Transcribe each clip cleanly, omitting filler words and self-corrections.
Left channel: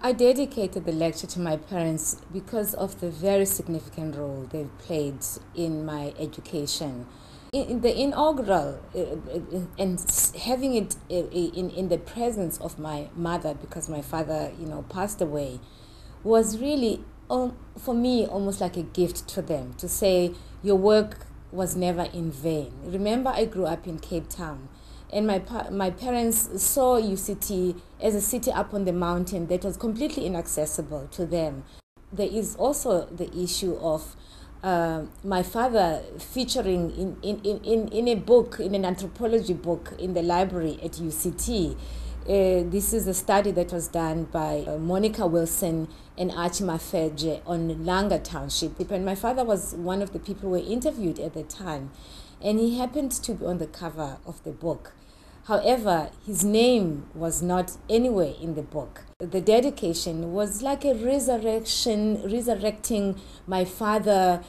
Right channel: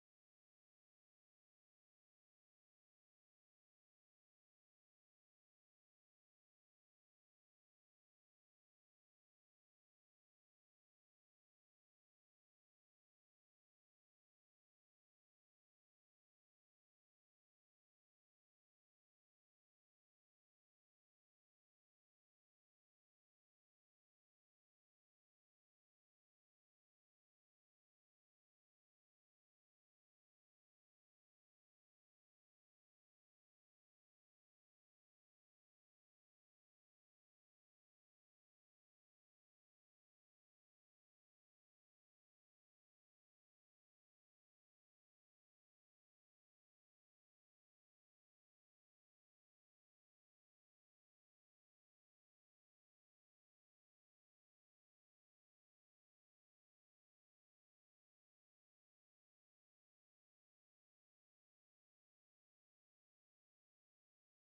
I dedicated the lecture to my parents because of the very significant role they've played in my education. In the inaugural, and having it in the presence of my mother, because my father, passed away, was really, for me, almost like a gift to them to say, your work was never in vain. Remember, I grew up in Cape Town, and my parents saw UCT as a city up on the mountain that was completely inaccessible to them. There is also the issue of my father featuring in a book, in an anthropology book in the library at UCT. This is a study that was done by Monica Wilson and Archie Mafeje on Langa Township. And my father was one of the people who were interviewed at the time, and he happened to be on the cover of the book. However, his name was not anywhere in the book. The dedication was like a resurrecting my father,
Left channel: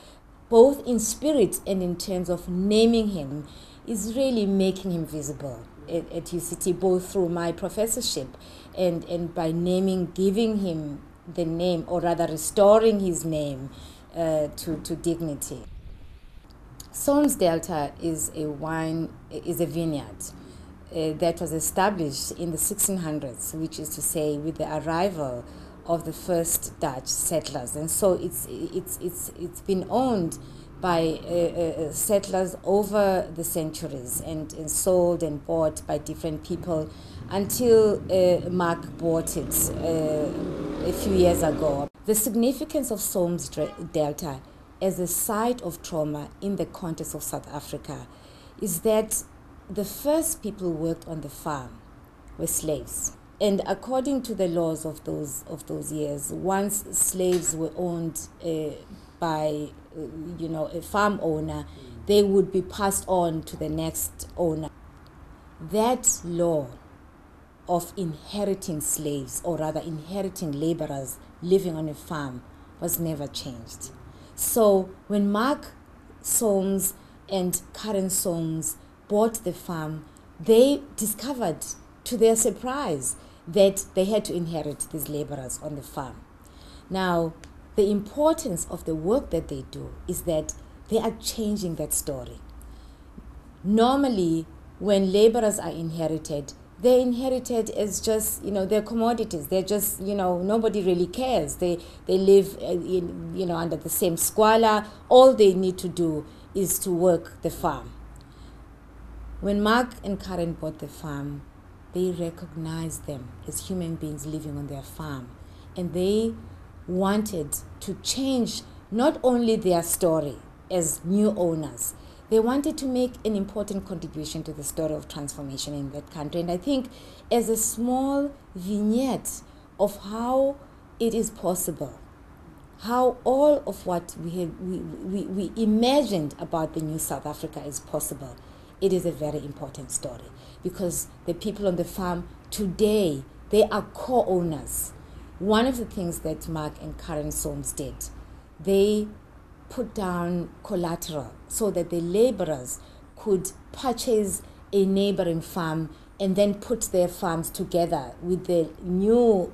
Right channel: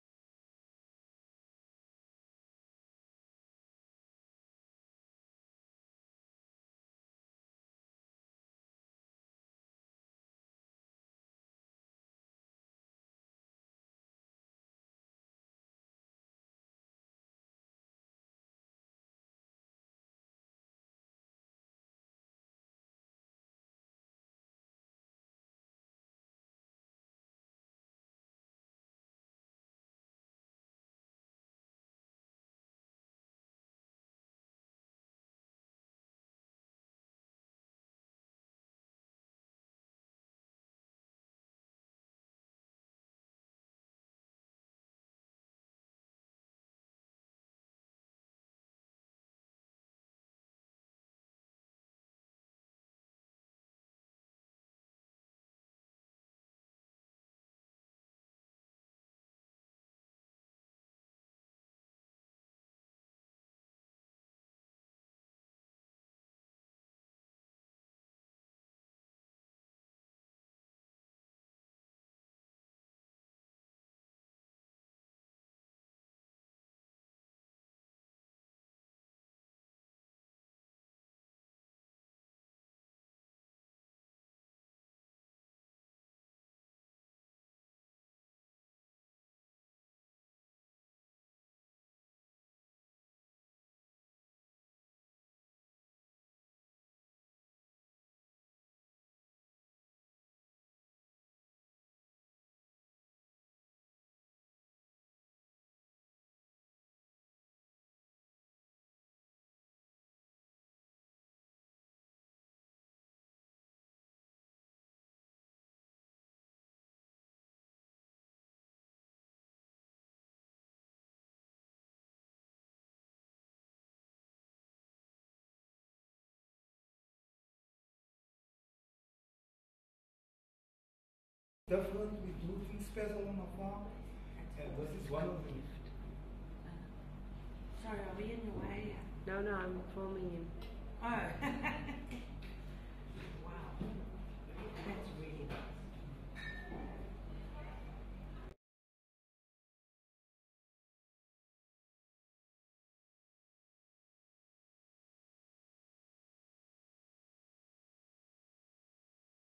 both in spirit and in terms of naming him, is really making him visible at UCT, both through my professorship and by naming, giving him the name, or rather restoring his name to dignity. Solms Delta is a vineyard that was established in the 1600s, which is to say with the arrival of the first Dutch settlers. And so it's been owned by settlers over the centuries and sold and bought by different people until Mark bought it a few years ago. The significance of Solms Delta as a site of trauma in the context of South Africa is that the first people who worked on the farm were slaves. And according to the laws of those years, once slaves were owned by a farm owner, they would be passed on to the next owner. That law of inheriting slaves, or rather inheriting laborers living on a farm, was never changed. So when Mark Solms and Karen Solms bought the farm, they discovered, to their surprise, that they had to inherit these laborers on the farm. Now, the importance of the work that they do is that they are changing that story. Normally, when laborers are inherited, they're inherited as just, they're commodities. They're just, nobody really cares. They live, under the same squalor. All they need to do is to work the farm. When Mark and Karen bought the farm, they recognized them as human beings living on their farm. And they wanted to change not only their story as new owners, they wanted to make an important contribution to the story of transformation in that country. And I think as a small vignette of how it is possible, how all of what we imagined about the new South Africa is possible, it is a very important story, because the people on the farm today, they are co-owners. One of the things that Mark and Karen Solms did, they put down collateral so that the laborers could purchase a neighboring farm and then put their farms together with the new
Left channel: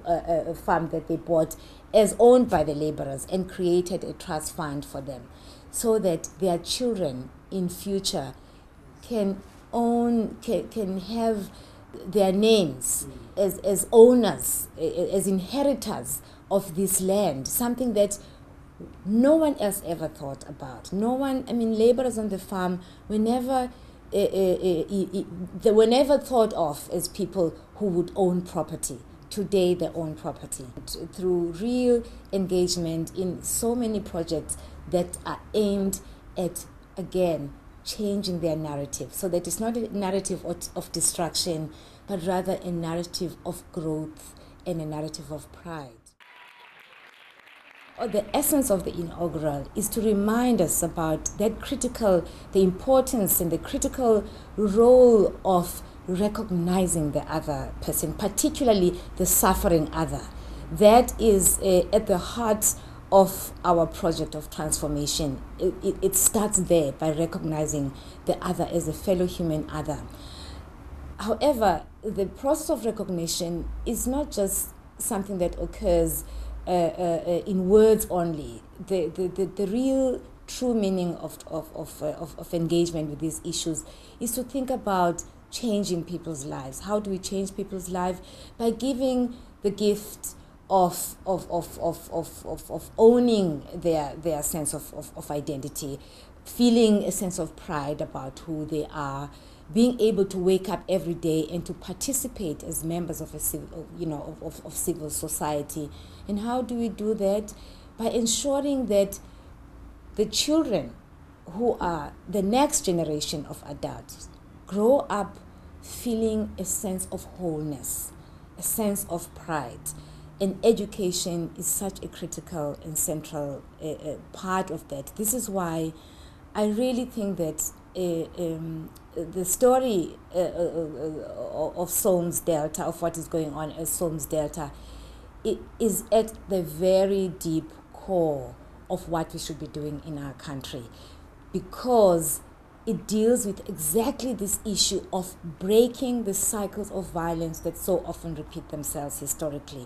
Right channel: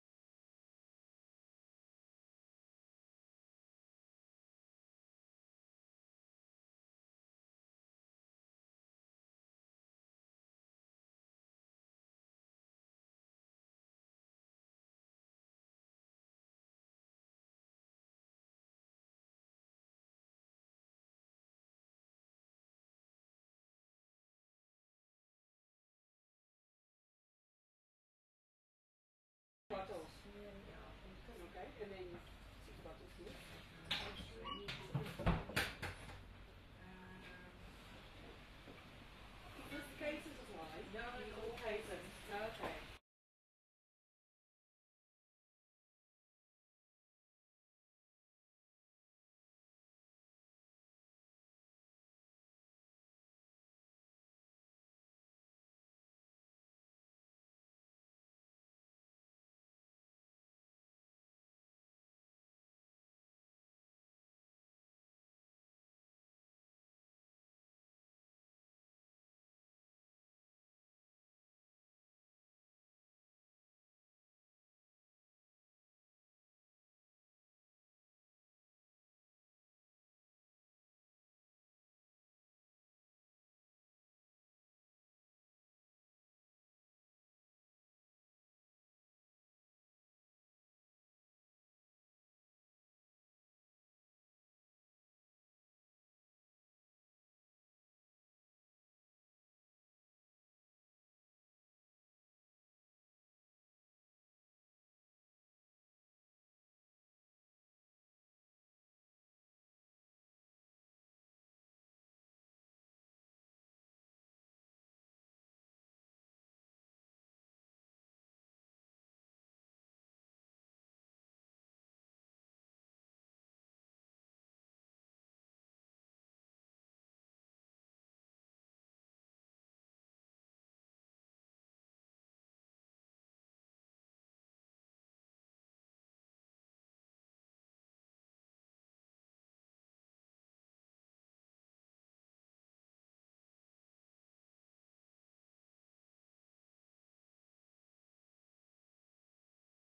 farm that they bought as owned by the laborers, and created a trust fund for them so that their children in future can have their names as owners, as inheritors of this land, something that no one else ever thought about. No one, laborers on the farm were never, they were never thought of as people who would own property. Today they own property through real engagement in so many projects that are aimed at, again, changing their narrative, so that it's not a narrative of destruction, but rather a narrative of growth and a narrative of pride. The essence of the inaugural is to remind us about the importance and the critical role of recognizing the other person, particularly the suffering other. That is at the heart of our project of transformation. It starts there, by recognizing the other as a fellow human other. However, the process of recognition is not just something that occurs in words only. The real true meaning of engagement with these issues is to think about changing people's lives. How do we change people's lives? By giving the gift of owning their sense of identity, feeling a sense of pride about who they are, being able to wake up every day and to participate as members of a civil, of civil society. And how do we do that? By ensuring that the children who are the next generation of adults grow up feeling a sense of wholeness, a sense of pride. And education is such a critical and central part of that. This is why I really think that the story of Solms Delta, of what is going on as Solms Delta, it is at the very deep core of what we should be doing in our country, because it deals with exactly this issue of breaking the cycles of violence that so often repeat themselves historically.